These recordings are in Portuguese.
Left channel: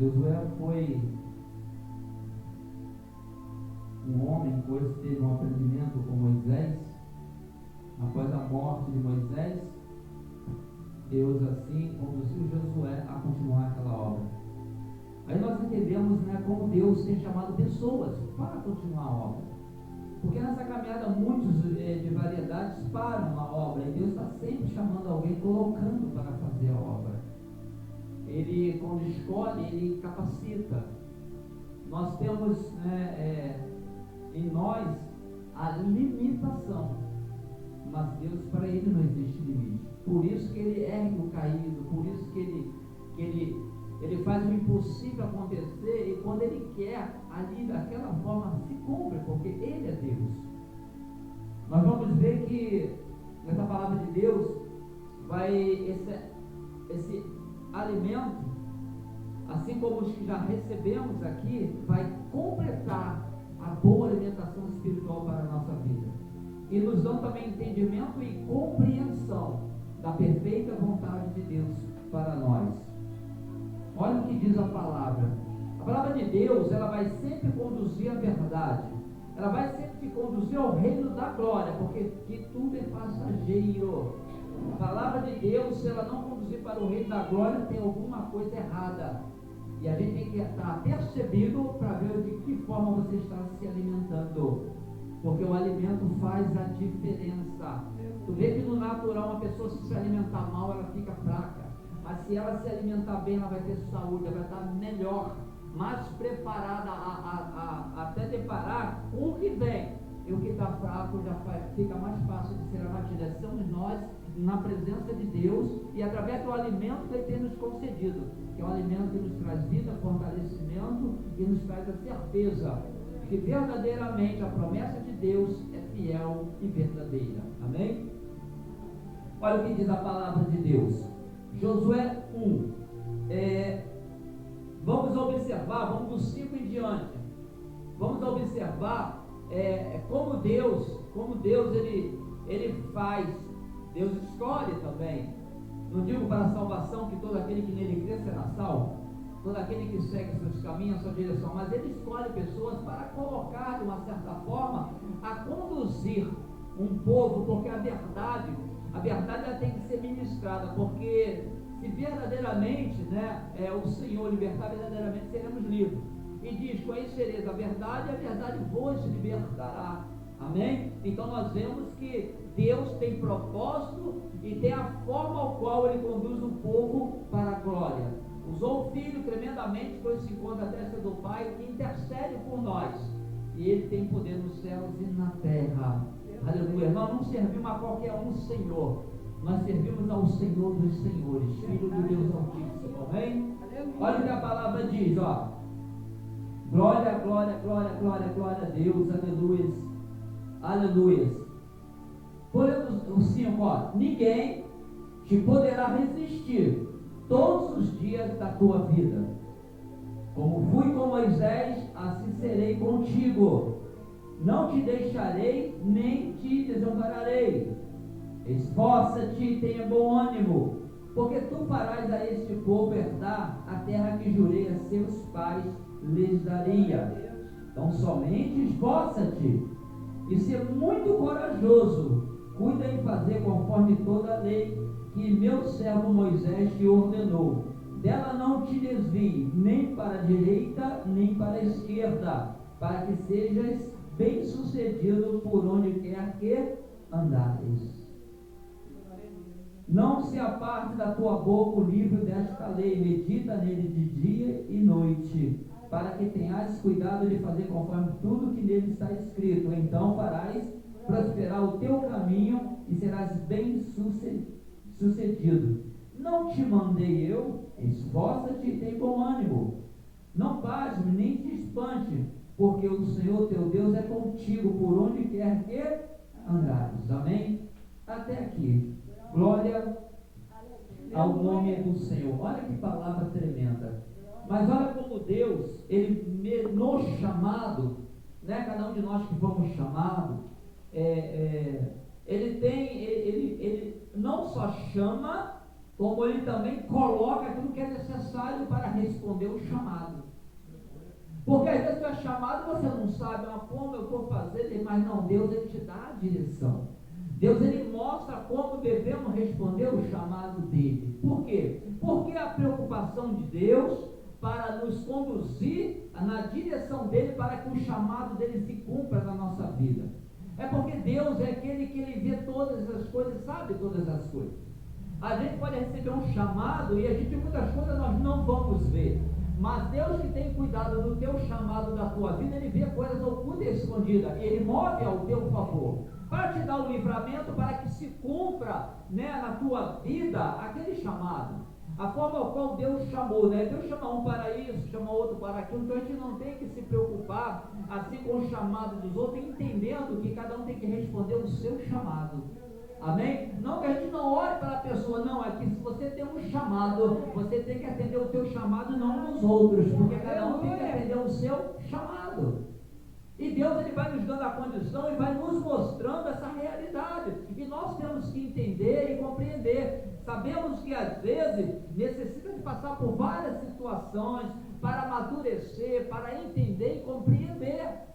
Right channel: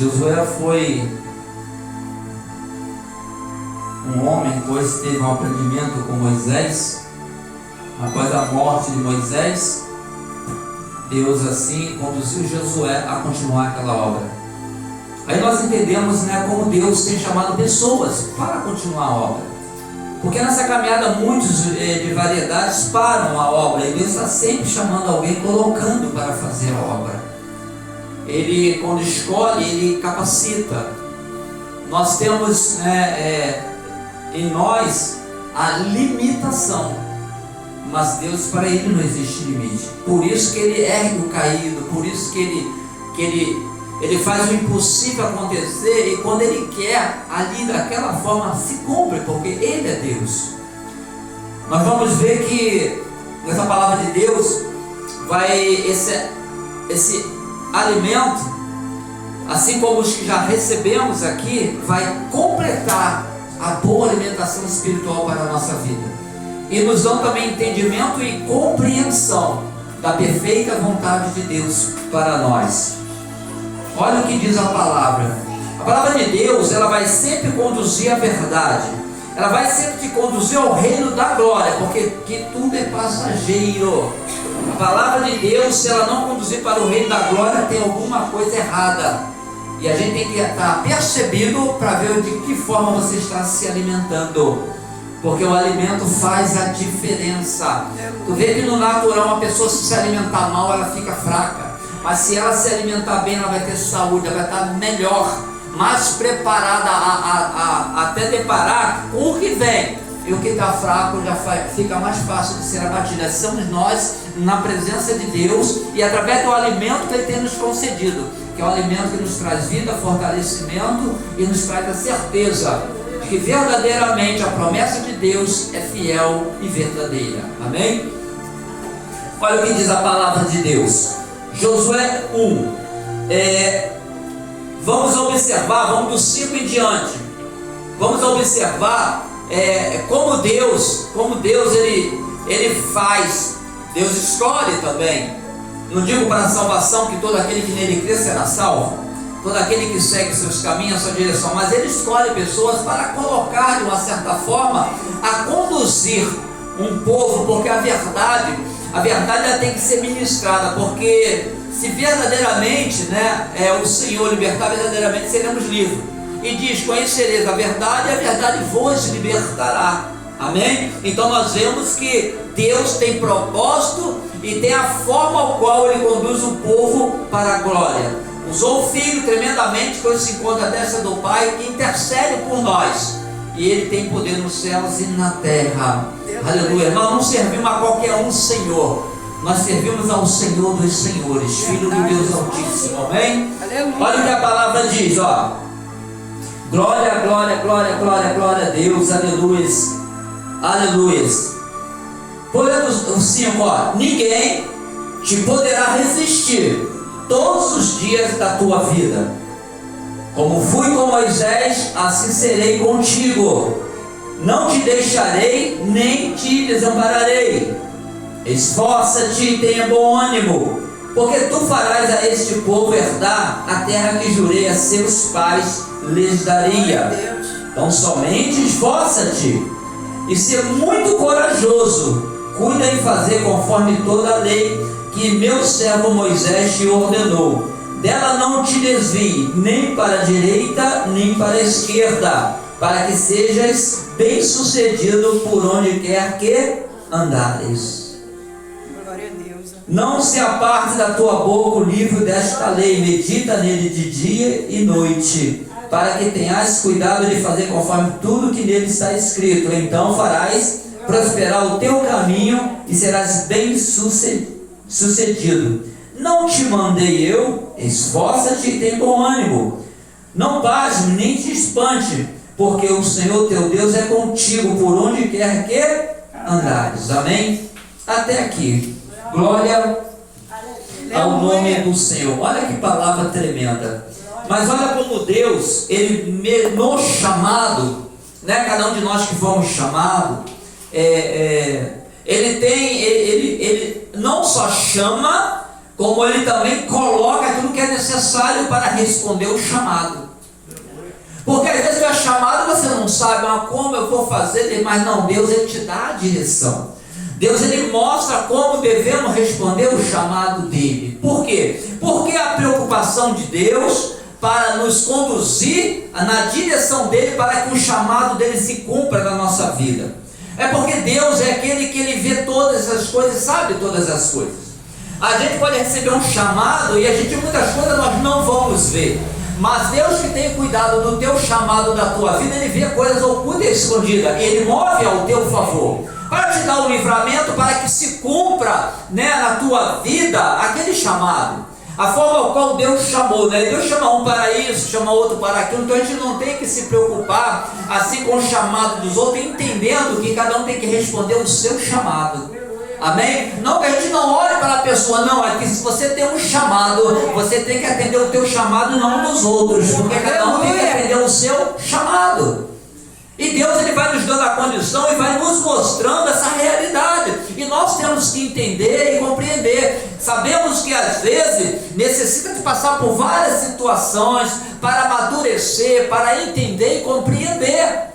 Josué foi um homem, depois teve um aprendimento com Moisés. Após a morte de Moisés, Deus assim conduziu Josué a continuar aquela obra. Aí nós entendemos, como Deus tem chamado pessoas para continuar a obra. Porque nessa caminhada muitos de variedades param a obra, e Deus está sempre chamando alguém, colocando para fazer a obra. Ele, quando escolhe, Ele capacita. Nós temos em nós a limitação, mas Deus, para Ele não existe limite. Por isso que Ele ergue o caído, por isso que Ele faz o impossível acontecer, e quando Ele quer, ali daquela forma se cumpre, porque Ele é Deus. Nós vamos ver que nessa palavra de Deus esse alimento, assim como os que já recebemos aqui, vai completar a boa alimentação espiritual para a nossa vida, e nos dão também entendimento e compreensão da perfeita vontade de Deus para nós. Olha o que diz a palavra. A palavra de Deus, ela vai sempre conduzir à verdade. Ela vai sempre te conduzir ao reino da glória, porque que tudo é passageiro. A palavra de Deus, se ela não conduzir para o reino da glória, tem alguma coisa errada. E a gente tem que estar percebido para ver de que forma você está se alimentando. Porque o alimento faz a diferença. Tu vê que no natural uma pessoa, se alimentar mal, ela fica fraca. Mas se ela se alimentar bem, ela vai ter saúde, ela vai estar melhor, mais preparada a até deparar com o que vem. E o que está fraco já fica mais fácil de ser abatido. Somos nós na presença de Deus, e através do alimento que Ele tem nos concedido, que é o alimento que nos traz vida, fortalecimento, e nos traz a certeza de que verdadeiramente a promessa de Deus é fiel e verdadeira. Amém? Olha o que diz a palavra de Deus. Josué 1, vamos observar, vamos do 5 em diante, vamos observar como Deus ele faz. Deus escolhe também. Não digo para a salvação que todo aquele que nele crê será salvo, todo aquele que segue seus caminhos, a sua direção, mas Ele escolhe pessoas para colocar de uma certa forma, a conduzir um povo, porque a verdade ela tem que ser ministrada, porque se verdadeiramente o Senhor libertar, verdadeiramente seremos livres. E diz: conhecereis a verdade, e a verdade vos libertará. Amém? Então nós vemos que Deus tem propósito e tem a forma ao qual Ele conduz o povo para a glória. Usou o Filho tremendamente, que hoje se encontra à destra do Pai, que intercede por nós. E Ele tem poder nos céus e na terra. Aleluia. Nós não servimos a qualquer um Senhor, nós servimos ao Senhor dos Senhores, Filho do Deus Altíssimo. Amém? Aleluia. Olha o que a palavra diz, glória, glória, glória, glória, glória a Deus. Aleluia, aleluia. Podemos o 5, ninguém te poderá resistir todos os dias da tua vida. Como fui com Moisés, assim serei contigo. Não te deixarei, nem te desampararei. Esforça-te e tenha bom ânimo, porque tu farás a este povo herdar a terra que jurei a seus pais lhes daria. Então somente esforça-te e ser muito corajoso. Cuida em fazer conforme toda a lei que meu servo Moisés te ordenou. Dela não te desvie, nem para a direita, nem para a esquerda, para que sejas bem-sucedido por onde quer que andares. Glória a Deus. Não se aparte da tua boca o livro desta lei, medita nele de dia e noite, para que tenhas cuidado de fazer conforme tudo que nele está escrito. Então farás prosperar o teu caminho e serás bem-sucedido. Não te mandei eu? Esforça-te e tem bom ânimo. Não pasme, nem te espante, porque o Senhor teu Deus é contigo por onde quer que andares. Amém? Até aqui. Glória ao nome do Senhor. Olha que palavra tremenda. Mas olha como Deus, Ele nos chamado, cada um de nós que fomos chamados, Ele não só chama, como Ele também coloca aquilo que é necessário para responder o chamado. Porque às vezes tu é chamado e você não sabe como eu vou fazer, mas não, Deus Ele te dá a direção. Deus Ele mostra como devemos responder o chamado dEle. Por quê? Porque a preocupação de Deus para nos conduzir na direção dEle, para que o chamado dEle se cumpra na nossa vida. É porque Deus é aquele que Ele vê todas as coisas, sabe todas as coisas. A gente pode receber um chamado e a gente, muitas coisas nós não vamos ver. Mas Deus que tem cuidado do teu chamado, da tua vida, Ele vê coisas ocultas e escondidas. E Ele move ao teu favor, para te dar o livramento, para que se cumpra, na tua vida aquele chamado. A forma ao qual Deus chamou, Deus chama um para isso, chama outro para aquilo. Então a gente não tem que se preocupar assim com o chamado dos outros, entendendo que cada um tem que responder o seu chamado. Amém? Não que a gente não olhe para a pessoa, não, é que se você tem um chamado, você tem que atender o teu chamado e não dos outros, porque cada um tem que atender o seu chamado. E Deus Ele vai nos dando a condição e vai nos mostrando essa realidade, e nós temos que entender e compreender. Sabemos que às vezes necessita de passar por várias situações para amadurecer, para entender e compreender.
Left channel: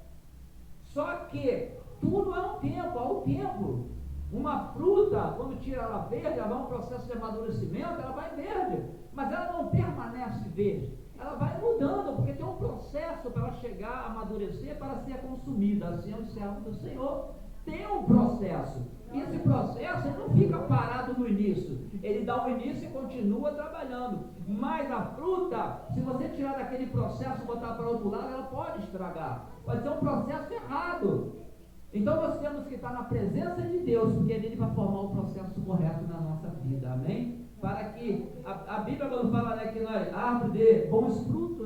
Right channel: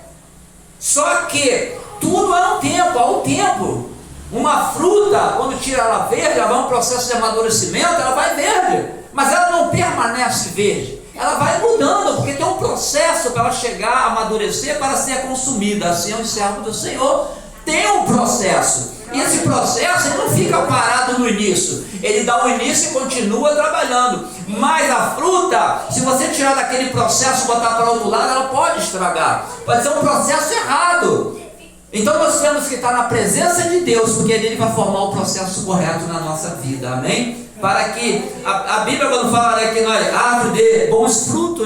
Só que tudo há um tempo. Uma fruta, quando tira ela verde, ela vai um processo de amadurecimento, ela vai verde, mas ela não permanece verde, ela vai mudando, porque tem um processo para ela chegar a amadurecer, para ser consumida. Assim é o servo do Senhor, tem um processo, e esse processo ele não fica parado no início, ele dá o início e continua trabalhando. Mas a fruta, se você tirar daquele processo e botar para outro lado, ela pode estragar, pode ser um processo errado. Então nós temos que estar na presença de Deus, porque Ele vai formar o processo correto na nossa vida, amém? Para que, a Bíblia quando fala que nós, árvore de bons frutos,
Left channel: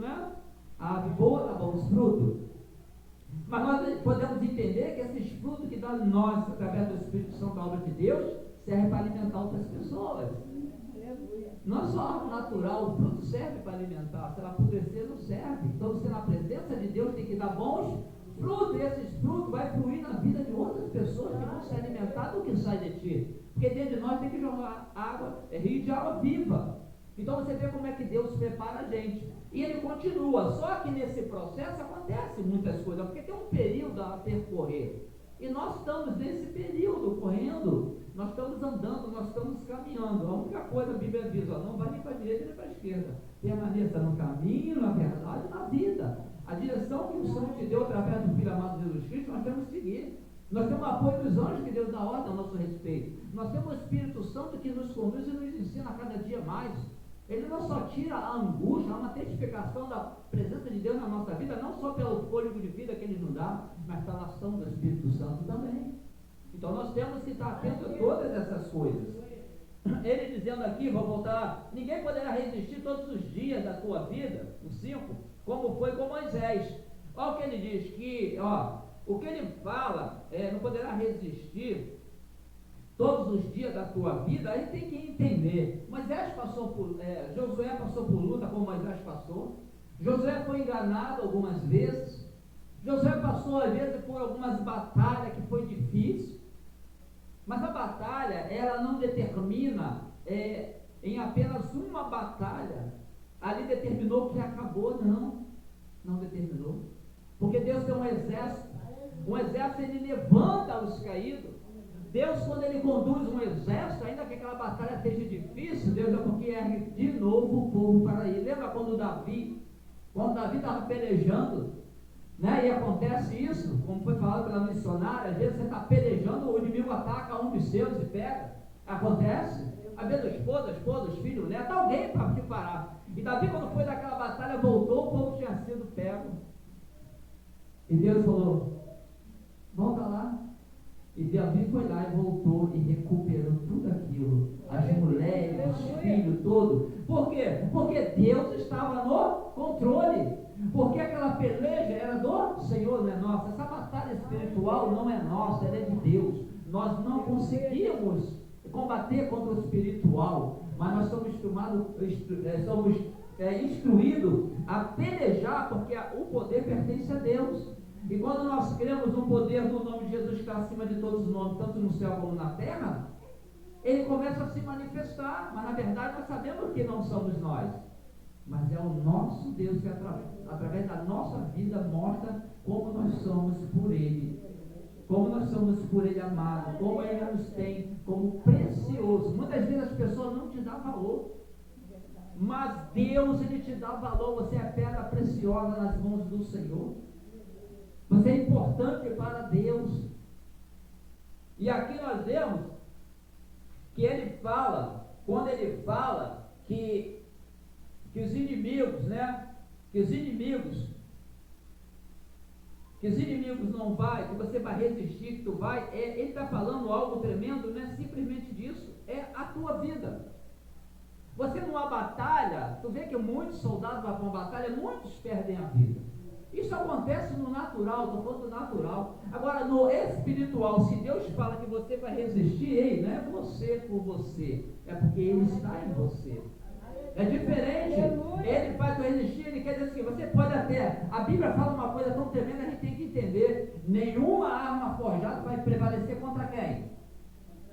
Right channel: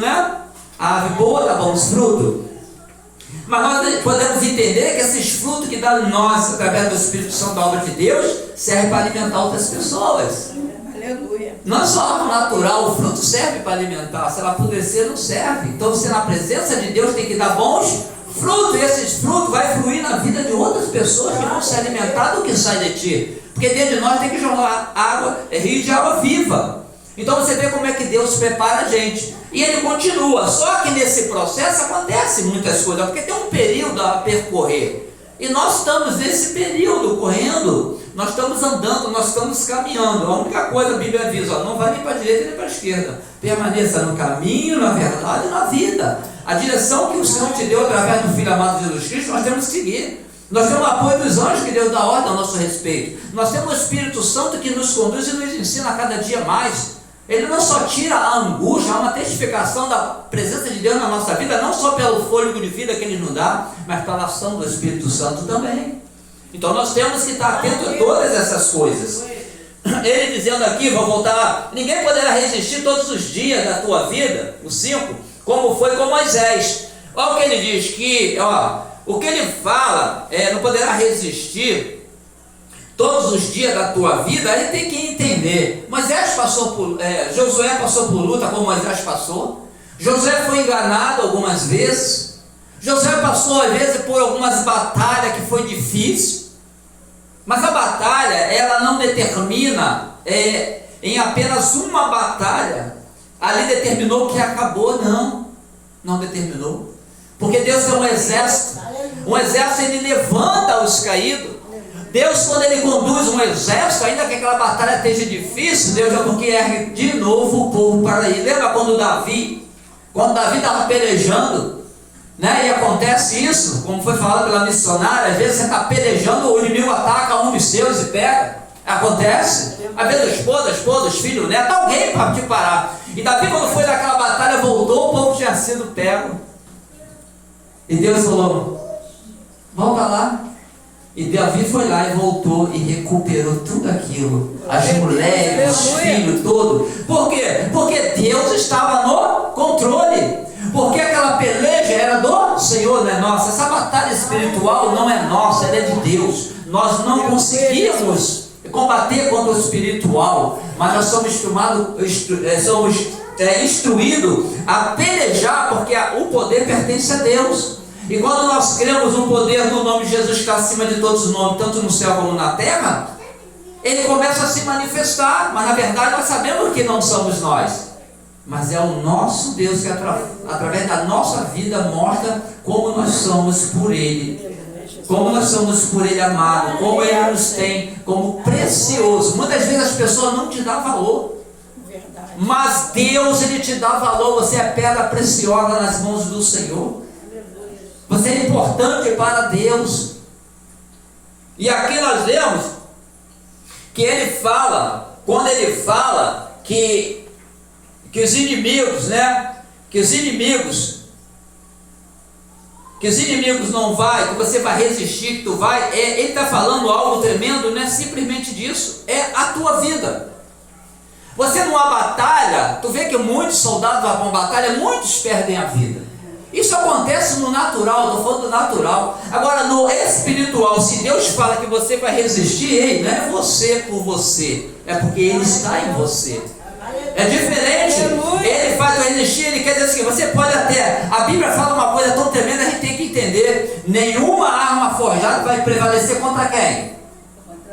A árvore boa dá bons frutos. Mas nós podemos entender que esses frutos que dá em nós, através do Espírito Santo, da obra de Deus, servem para alimentar outras pessoas. Aleluia. Não é só árvore natural, o fruto serve para alimentar, se ela apodrecer não serve. Então você na presença de Deus tem que dar bons frutos, e esses frutos vai fluir na vida de outras pessoas que vão se alimentar do que sai de ti, porque dentro de nós tem que jogar água, rio de água viva. Então você vê como é que Deus prepara a gente, e Ele continua. Só que nesse processo acontece muitas coisas, porque tem um período a percorrer, e nós estamos nesse período correndo, nós estamos andando, nós estamos caminhando. A única coisa a Bíblia avisa, não vai nem para a direita nem para a esquerda, permaneça no caminho, na verdade e na vida. A direção que o Senhor te deu através do Filho amado Jesus Cristo, nós temos que seguir. Nós temos o apoio dos anjos que Deus dá ordem ao nosso respeito. Nós temos o Espírito Santo que nos conduz e nos ensina a cada dia mais. Ele não só tira a angústia, há uma testificação da presença de Deus na nossa vida, não só pelo fôlego de vida que Ele nos dá, mas pela ação do Espírito Santo também. Então nós temos que estar atentos a todas essas coisas. Ele dizendo aqui, vou voltar, ninguém poderá resistir todos os dias da tua vida, o 5, como foi com Moisés. Olha o que ele diz, que o que ele fala, não poderá resistir todos os dias da tua vida. Aí tem que entender, Josué passou por luta como Moisés passou. Josué foi enganado algumas vezes. Josué passou às vezes por algumas batalhas que foi difícil. Mas a batalha, ela não determina em apenas uma batalha, ali determinou que acabou, não determinou. Porque Deus é um exército ele levanta os caídos. Deus, quando Ele conduz um exército, ainda que aquela batalha esteja difícil, Deus é porque ergue de novo o povo para ir. Lembra quando Davi estava pelejando, e acontece isso, como foi falado pela missionária, às vezes você está pelejando, o inimigo ataca um dos seus e pega, acontece, às vezes a esposa, os filhos, o neto, alguém para te parar. E Davi, quando foi naquela batalha, voltou, o povo tinha sido pego, e Deus falou, volta lá. E Davi foi lá e voltou e recuperou tudo aquilo, as mulheres, os filhos, tudo. Por quê? Porque Deus estava no controle, porque aquela peleja era do Senhor, não é nossa. Essa batalha espiritual não é nossa, ela é de Deus. Nós não conseguimos combater contra o espiritual, mas nós somos instruídos a pelejar, porque o poder pertence a Deus. E quando nós cremos no poder do nome de Jesus que está acima de todos os nomes, tanto no céu como na terra, ele começa a se manifestar, mas na verdade nós sabemos que não somos nós, mas é o nosso Deus que através da nossa vida mostra como nós somos por Ele, como nós somos por Ele amado, como Ele nos tem como precioso. Muitas vezes as pessoas não te dão valor, mas Deus, Ele te dá valor. Você é pedra preciosa nas mãos do Senhor, você é importante para Deus. E aqui nós vemos que Ele fala, quando Ele fala que os inimigos, né, que os inimigos não vai, que você vai resistir, que tu vai, Ele está falando algo tremendo, não é simplesmente disso, é a tua vida. Você numa batalha, tu vê que muitos soldados vão para uma batalha, muitos perdem a vida. Isso acontece no natural, estou falando do natural. Agora no espiritual, se Deus fala que você vai resistir, ei, não é você por você, é porque Ele está em você. É diferente. Ele faz o resistir, Ele quer dizer assim, você pode até, a Bíblia fala uma coisa tão tremenda, a gente tem que entender, nenhuma arma forjada vai prevalecer contra quem?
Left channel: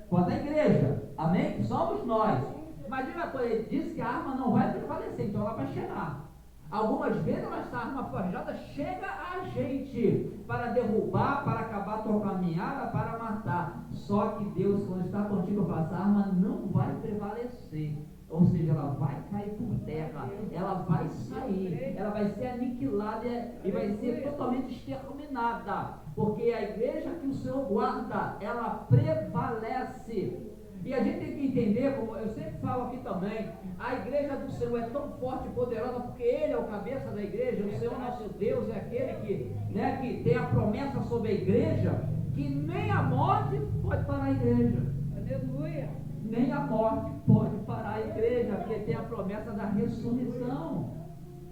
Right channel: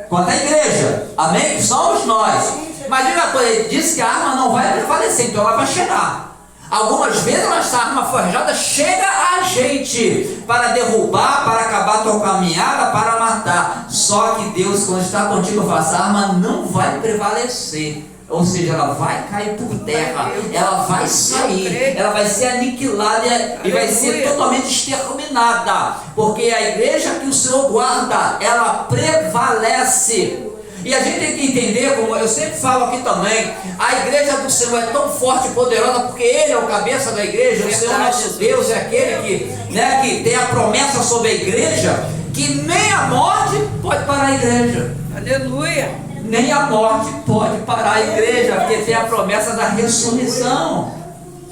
Contra a igreja, amém? Que somos nós. Imagina uma coisa, ele disse que a arma não vai prevalecer, então ela vai chegar. Algumas vezes essa arma forjada chega a gente para derrubar, para acabar a tua caminhada, para matar. Só que Deus, quando está contigo, fala, essa arma não vai prevalecer. Ou seja, ela vai cair por terra, ela vai sair, ela vai ser aniquilada e vai ser totalmente exterminada, porque a igreja que o Senhor guarda, ela prevalece. E a gente tem que entender, como eu sempre falo aqui também, a igreja do Senhor é tão forte e poderosa, porque Ele é o cabeça da igreja, o Senhor nosso Deus é aquele que tem a promessa sobre a igreja, que nem a morte pode parar a igreja. Aleluia! Nem a morte pode parar a igreja, porque tem a promessa da ressurreição.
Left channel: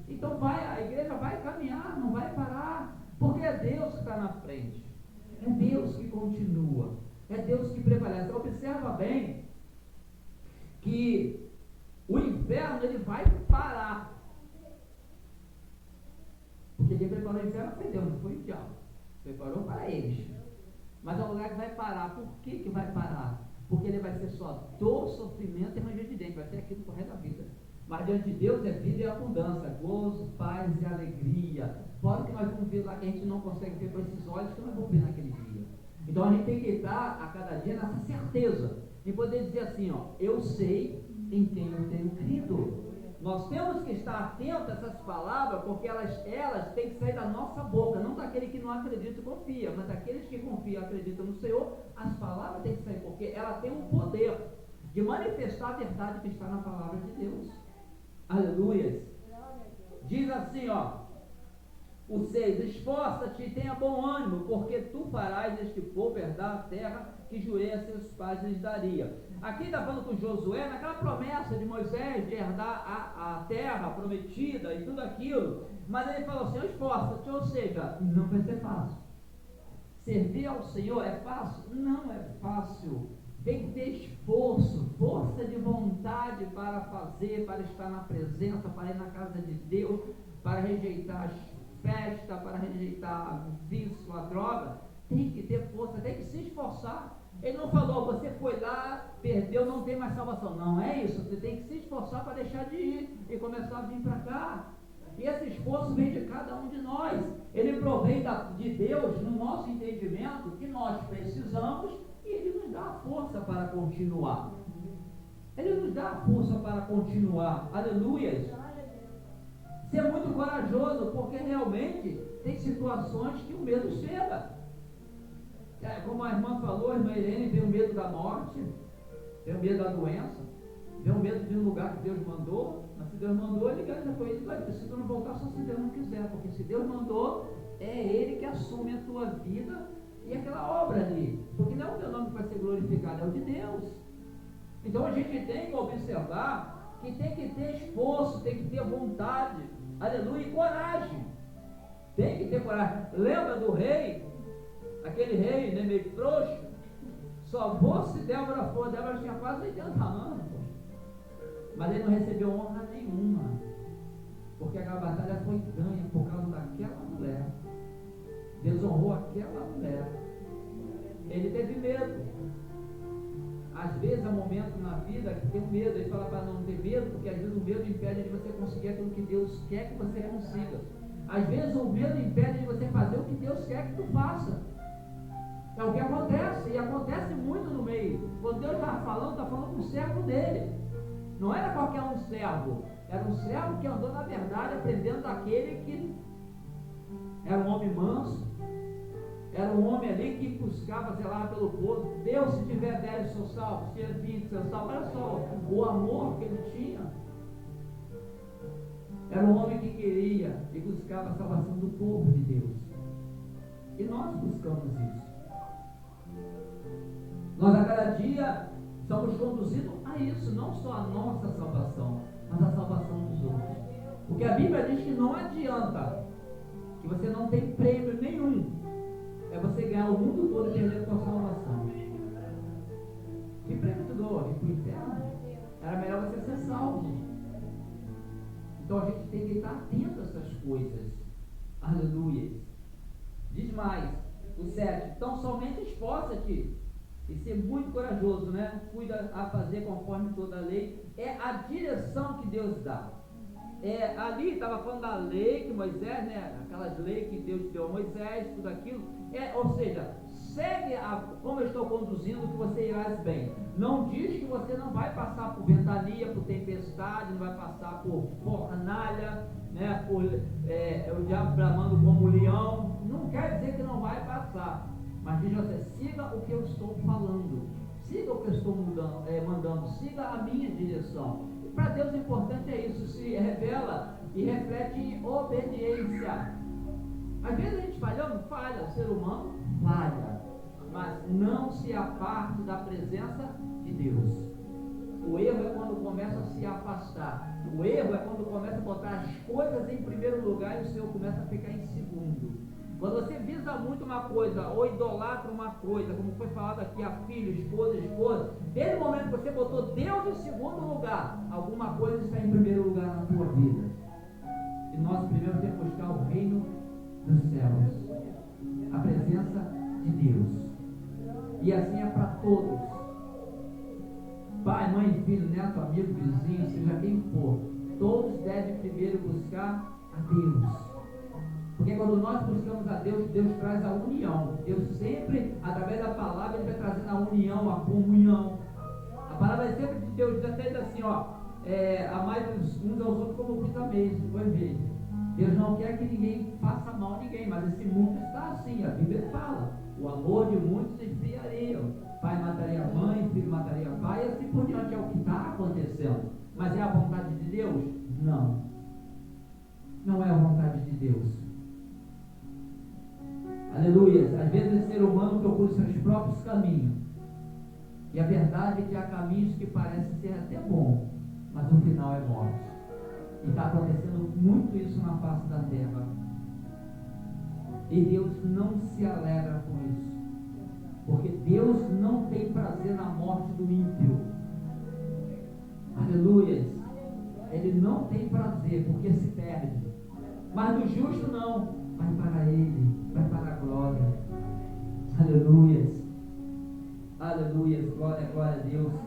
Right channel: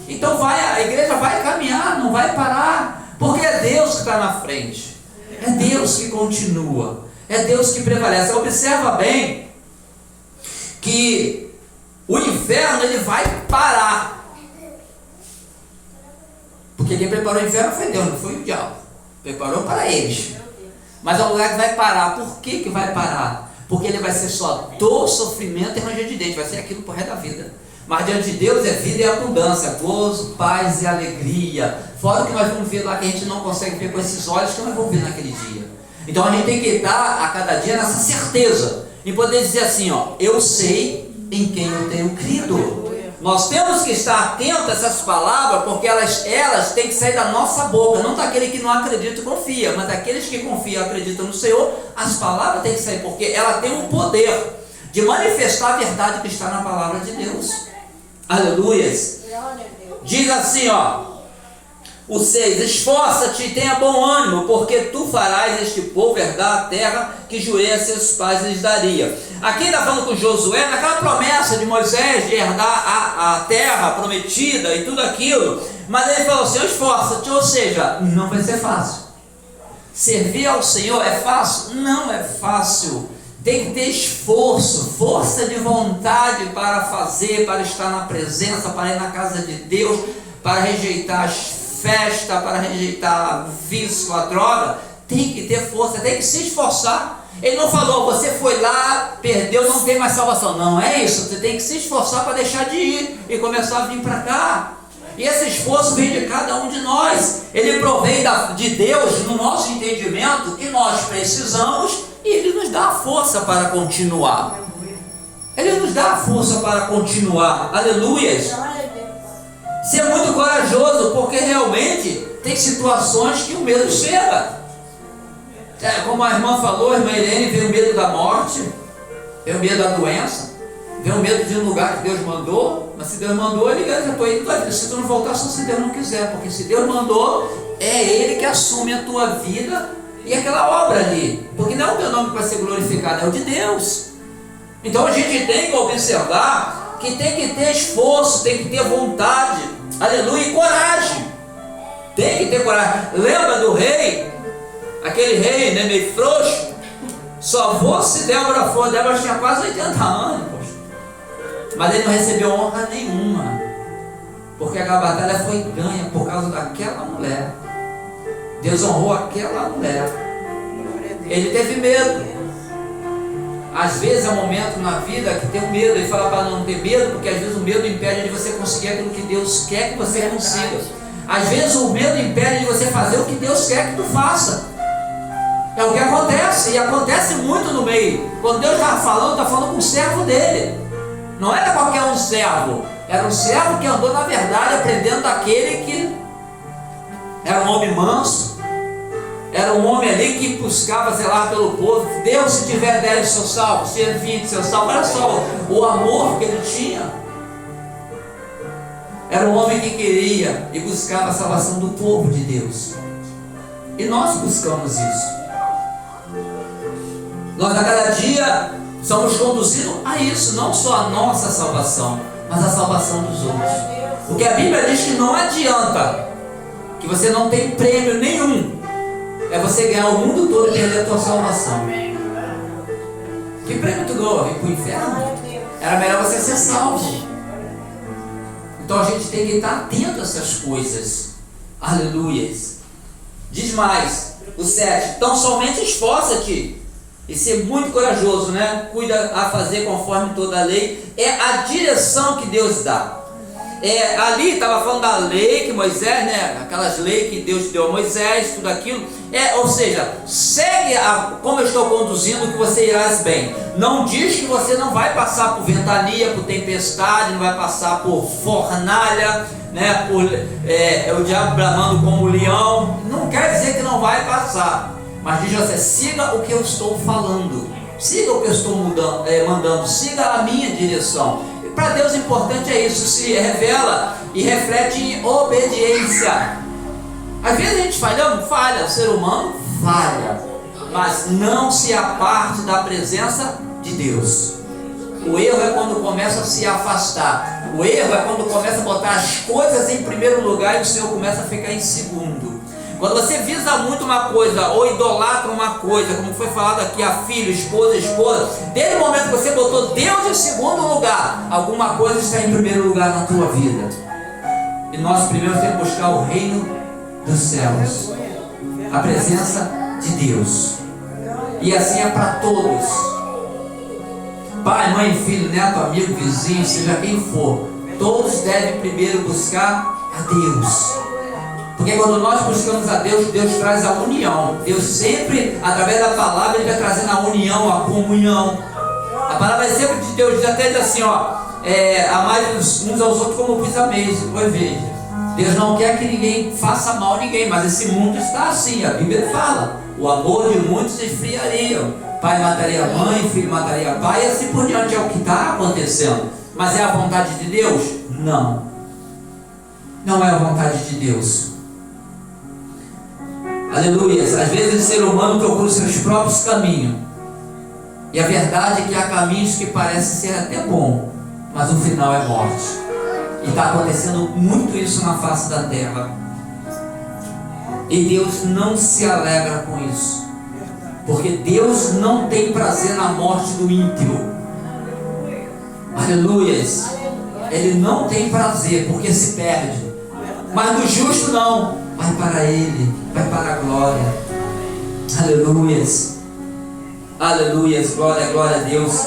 Então a igreja vai caminhar, não vai parar, porque é Deus que está na frente, é Deus que continua, é Deus que prevalece. Observa bem que o inferno ele vai parar, porque quem preparou o inferno foi Deus, não foi o diabo, preparou para eles, mas é um lugar que vai parar. Por que vai parar? Porque ele vai ser só dor, sofrimento e ranger de dente, vai ser aquilo por resto da vida. Mas diante de Deus é vida e abundância, gozo, paz e alegria. Fora o que nós vamos ver lá, que a gente não consegue ver com esses olhos, que nós vamos ver naquele dia. Então a gente tem que estar a cada dia nessa certeza, e poder dizer assim, ó, eu sei em quem eu tenho crido. Nós temos que estar atentos a essas palavras, porque elas têm que sair da nossa boca, não daquele que não acredita e confia, mas daqueles que confiam e acreditam no Senhor. As palavras têm que sair, porque ela tem o poder de manifestar a verdade que está na palavra de Deus. Aleluias. Diz assim, ó, o 6, esforça-te e tenha bom ânimo, porque tu farás este povo herdar a terra que jurei a seus pais lhes daria. Aqui está falando com Josué, naquela promessa de Moisés de herdar a terra prometida e tudo aquilo, mas ele falou assim, esforça-te, ou seja, não vai ser fácil. Servir ao Senhor é fácil? Não é fácil. Tem que ter esforço, força de vontade para fazer, para estar na presença, para ir na casa de Deus, para rejeitar as festas, para rejeitar o vício, a droga. Tem que ter força, tem que se esforçar. Ele não falou, você foi lá, perdeu, não tem mais salvação. Não é isso, você tem que se esforçar para deixar de ir e começar a vir para cá. E esse esforço vem de cada um de nós. Ele provém de Deus, no nosso entendimento, que nós precisamos, e Ele nos dá a força para continuar. Ele nos dá a força para continuar. Aleluias. Ser muito corajoso, porque realmente tem situações que o medo chega. Como a irmã falou, a irmã Helene, veio o medo da morte, veio o medo da doença, veio o medo de um lugar que Deus mandou, mas se Deus mandou, ele já estou indo da vida. Se tu não voltar, só se Deus não quiser, porque se Deus mandou, é Ele que assume a tua vida e aquela obra ali, porque não é o teu nome que vai ser glorificado, é o de Deus. Então a gente tem que observar que tem que ter esforço, tem que ter vontade, aleluia, e coragem. Tem que ter coragem. Lembra do rei? Aquele rei, né, meio frouxo? Só vou se Débora for. Débora tinha quase 80 anos, poxa. Mas ele não recebeu honra nenhuma, porque a batalha foi ganha por causa daquela mulher. Deus honrou aquela mulher. Ele teve medo. Às vezes é um momento na vida que tem um medo, e fala para não ter medo, porque às vezes o medo impede de você conseguir aquilo que Deus quer que você consiga. Às vezes o medo impede de você fazer o que Deus quer que tu faça. É o que acontece, e acontece muito no meio. Quando Deus está falando com o servo dele. Não era qualquer um servo, era um servo que andou na verdade aprendendo daquele que era um homem manso, era um homem ali que buscava zelar pelo povo. Deus, se tiver 10 seu salvo, se ele 20 seu salvo, olha só o amor que ele tinha. Era um homem que queria e buscava a salvação do povo de Deus. E nós buscamos isso. Nós a cada dia somos conduzidos a isso, não só a nossa salvação, mas a salvação dos outros. Porque a Bíblia diz que não adianta, que você não tem prêmio nenhum, é você ganhar o mundo todo e perder a tua salvação. Que prêmio tu ganhou? Vem para o inferno? Era melhor você ser salvo. Então a gente tem que estar atento a essas coisas. Aleluias. Diz mais, o 7. Então somente esforça-te e ser muito corajoso, né? Cuida a fazer conforme toda a lei. É a direção que Deus dá. Ali estava falando da lei que Moisés, né? Aquelas leis que Deus deu a Moisés, tudo aquilo. Ou seja, segue como eu estou conduzindo, que você irás bem. Não diz que você não vai passar por ventania, por tempestade, não vai passar por fornalha, né? Por o diabo bramando como o leão. Não quer dizer que não vai passar. Mas diz você, siga o que eu estou falando, siga o que eu estou mandando, siga a minha direção. Para Deus o importante é isso, se revela e reflete em obediência. Às vezes a gente falha, o ser humano falha, mas não se aparte da presença de Deus. O erro é quando começa a se afastar, o erro é quando começa a botar as coisas em primeiro lugar e o Senhor começa a ficar em segundo. Quando você visa muito uma coisa, ou idolatra uma coisa, como foi falado aqui, a filho, esposa, desde o momento que você botou Deus em segundo lugar, alguma coisa está em primeiro lugar na tua vida. E nós primeiro temos que buscar o reino dos céus, a presença de Deus. E assim é para todos. Pai, mãe, filho, neto, amigo, vizinho, seja quem for, todos devem primeiro buscar a Deus. Porque quando nós buscamos a Deus, Deus traz a união. Deus sempre, através da palavra, Ele vai trazendo a união, a comunhão. A palavra é sempre de Deus, diz até assim, amai uns aos outros como vos ameis. Pois veja, Deus não quer que ninguém faça mal a ninguém, mas esse mundo está assim, a Bíblia fala. O amor de muitos esfriaria. Pai mataria a mãe, filho mataria pai, e assim por diante. É o que está acontecendo. Mas é a vontade de Deus? Não. Não é a vontade de Deus. Aleluia. Às vezes o ser humano procura os seus próprios caminhos. E a verdade é que há caminhos que parecem ser até bom, mas o final é morte. E está acontecendo muito isso na face da terra. E Deus não se alegra com isso. Porque Deus não tem prazer na morte do ímpio. Aleluias. Ele não tem prazer porque se perde. Mas do justo não. Vai para Ele, vai para a glória. Aleluias. Aleluias, glória, glória a Deus.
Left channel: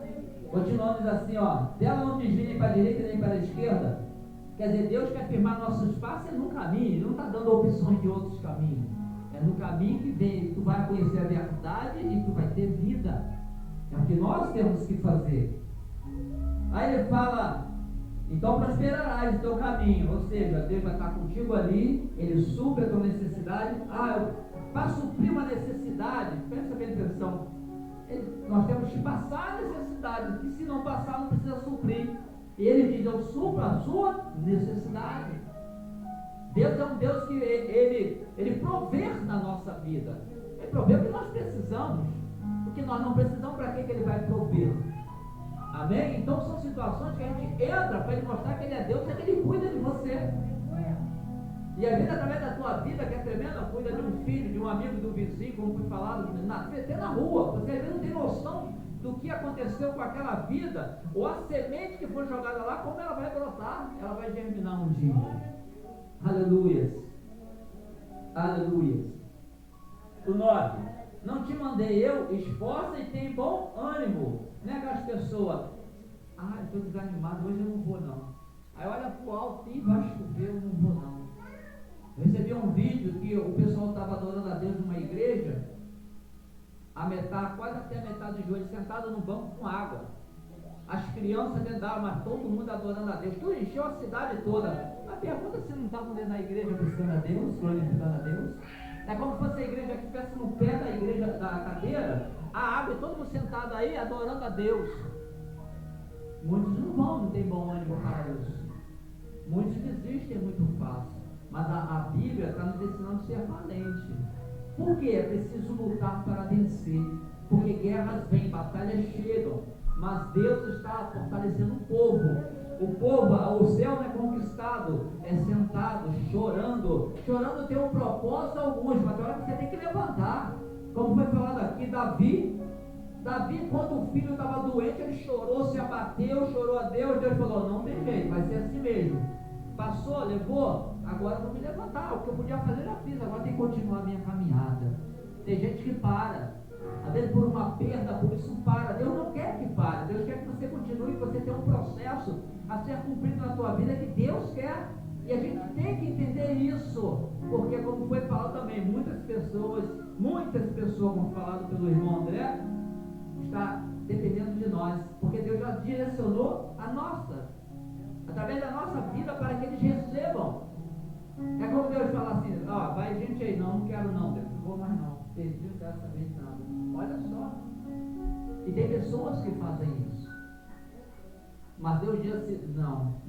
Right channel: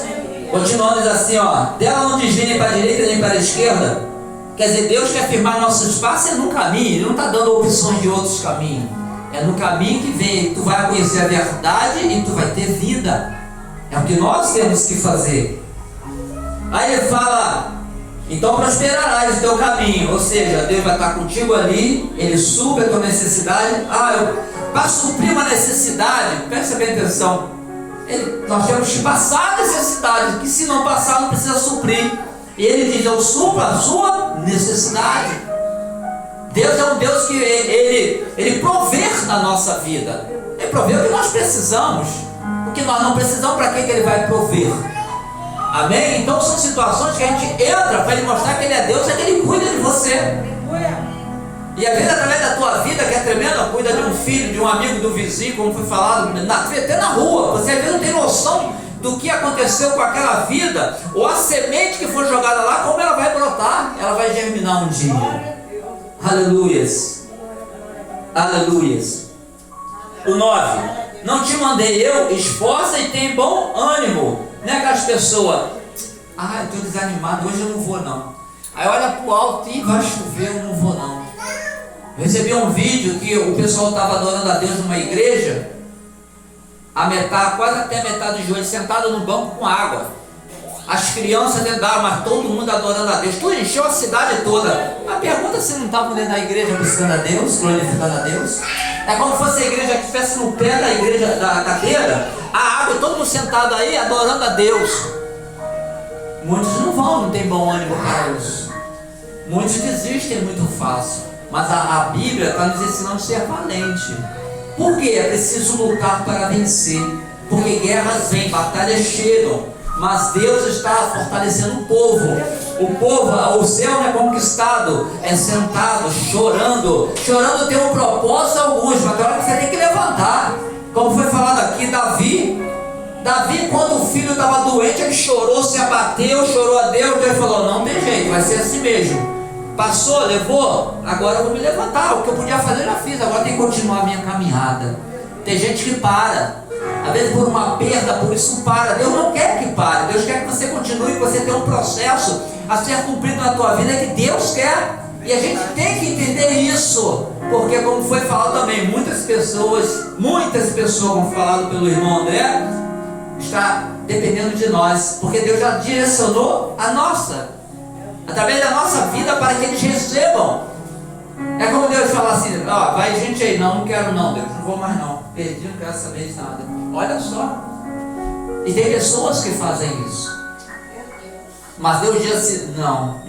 Continuando assim, dela não desvia nem para a direita nem para a esquerda. Quer dizer, Deus quer firmar nossos passos no caminho. Ele não está dando opções de outros caminhos. É no caminho que vem. Tu vai conhecer a verdade e tu vai ter vida. É o que nós temos que fazer. Aí ele fala, então prosperarás o teu caminho. Ou seja, Deus vai estar contigo ali. Ele supre a tua necessidade. Para suprir uma necessidade, presta bem atenção, nós temos que passar a necessidade, que se não passar não precisa suprir. E ele diz, eu supro a sua necessidade. Deus é um Deus que ele provê na nossa vida. Ele provê o que nós precisamos. O que nós não precisamos, para que ele vai prover? Amém? Então são situações que a gente entra para ele mostrar que ele é Deus, é que ele cuida de você. E às vezes através da tua vida, que é tremenda, cuida de um filho, de um amigo, do vizinho, como foi falado, até na rua. Você às vezes não tem noção do que aconteceu com aquela vida, ou a semente que foi jogada lá, como ela vai brotar, ela vai germinar um dia. Aleluias. Aleluias. O 9. Não te mandei eu? Esforça e tem bom ânimo. Não é aquelas pessoas, eu estou desanimado, hoje eu não vou não. Aí olha para o alto e vai chover, eu não vou não. Eu recebi um vídeo que o pessoal estava adorando a Deus numa igreja, quase até a metade do joelho, sentado no banco com água. As crianças andaram, mas todo mundo adorando a Deus. Tudo encheu a cidade toda. A pergunta se não estavam dentro da igreja buscando a Deus, glorificando a Deus. É como se fosse a igreja que estivesse no pé da igreja, da cadeira, a água, todo mundo sentado aí adorando a Deus. Muitos não vão, não tem bom ânimo para isso. Muitos desistem muito fácil. Mas a Bíblia está nos ensinando a ser valente. Por quê? É preciso lutar para vencer. Porque guerras vêm, batalhas chegam. Mas Deus está fortalecendo o povo. O povo, o céu não é conquistado, é sentado, chorando. Chorando tem um propósito alguns, mas agora você tem que levantar. Como foi falado aqui, Davi, quando o filho estava doente, ele chorou, se abateu, chorou a Deus. Deus falou, não tem jeito, vai ser assim mesmo. Passou, levou, agora eu vou me levantar. O que eu podia fazer eu já fiz, agora tem que continuar a minha caminhada. Tem gente que para. Às vezes por uma perda, por isso para. Deus não quer que pare. Deus quer que você continue, que você tenha um processo a ser cumprido na tua vida que Deus quer. E a gente tem que entender isso. Porque como foi falado também, muitas pessoas, como falado pelo irmão André, está dependendo de nós. Porque Deus já direcionou a nossa, através da nossa vida, para que eles recebam. É como Deus fala assim, vai gente aí, não quero não, Deus, não vou mais não, perdi, não quero saber de nada. Olha só, e tem pessoas que fazem isso, mas Deus diz assim, não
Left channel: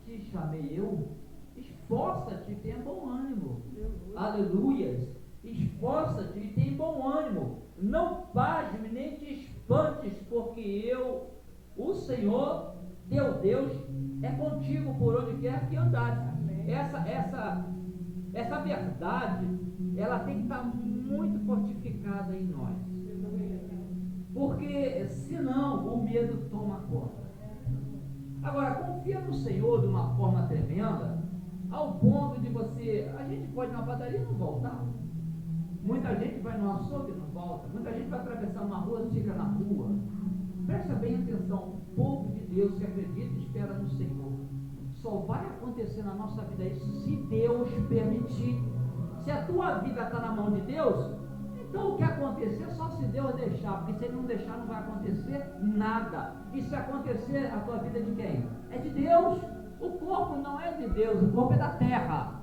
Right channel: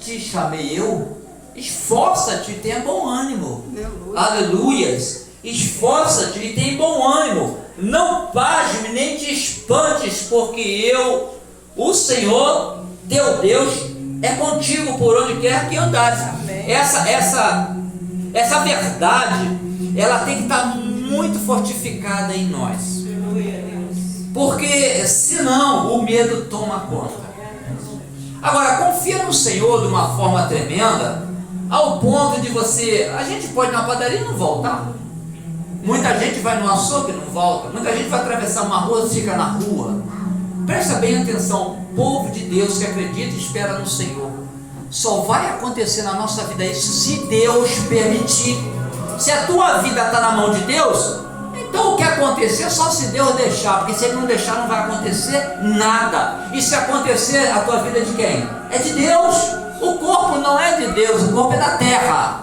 te chamei eu, esforça-te e tenha bom ânimo, aleluias, esforça-te e tenha bom ânimo, não pasme nem te espantes, porque eu, o Senhor, teu Deus, é contigo por onde quer que andares. Essa verdade, ela tem que estar muito fortificada em nós, porque senão o medo toma conta. Agora, confia no Senhor de uma forma tremenda, ao ponto de a gente pode ir na padaria e não voltar. Muita gente vai no açougue e não volta. Muita gente vai atravessar uma rua e fica na rua. Presta bem atenção, povo de Deus que acredita e espera no Senhor. Só vai acontecer na nossa vida isso se Deus permitir. Se a tua vida está na mão de Deus, então o que acontecer só se Deus deixar, porque se Ele não deixar não vai acontecer nada. E se acontecer, a tua vida é de quem? É de Deus. O corpo não é de Deus, o corpo é da terra.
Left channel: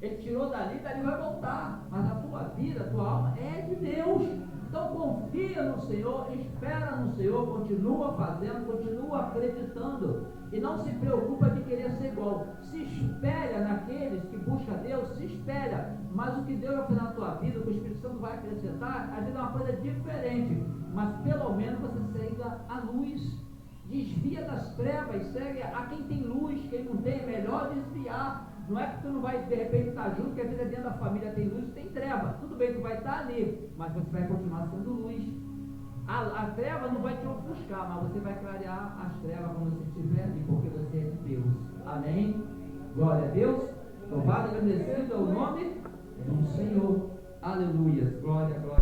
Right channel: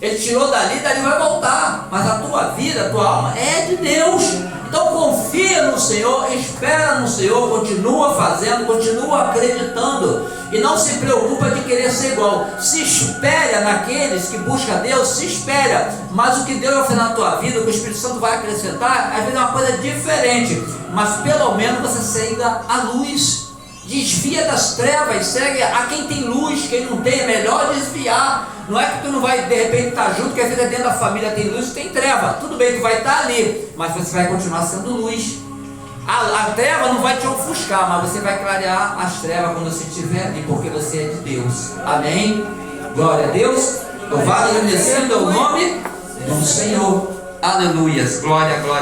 Ele tirou dali vai voltar, mas a tua vida, a tua alma é de Deus. Então confia no Senhor, espera no Senhor, continua fazendo, continua acreditando e não se preocupa de querer ser igual. Se espera naqueles que buscam Deus, se espera, mas o que Deus vai fazer na tua vida, o que o Espírito Santo vai acrescentar, às vezes é uma coisa diferente, mas pelo menos você segue a luz, desvia das trevas, segue a quem tem luz. Quem não tem é melhor desviar. Não é que tu não vai de repente estar junto, que a vida dentro da família tem luz e tem treva. Tudo bem, tu vai estar ali, mas você vai continuar sendo luz. A treva não vai te ofuscar, mas você vai clarear as trevas quando você estiver ali, porque você é de Deus. Amém? Glória a Deus. Louvado e agradecido é o nome do Senhor. Aleluias. Glória a Deus.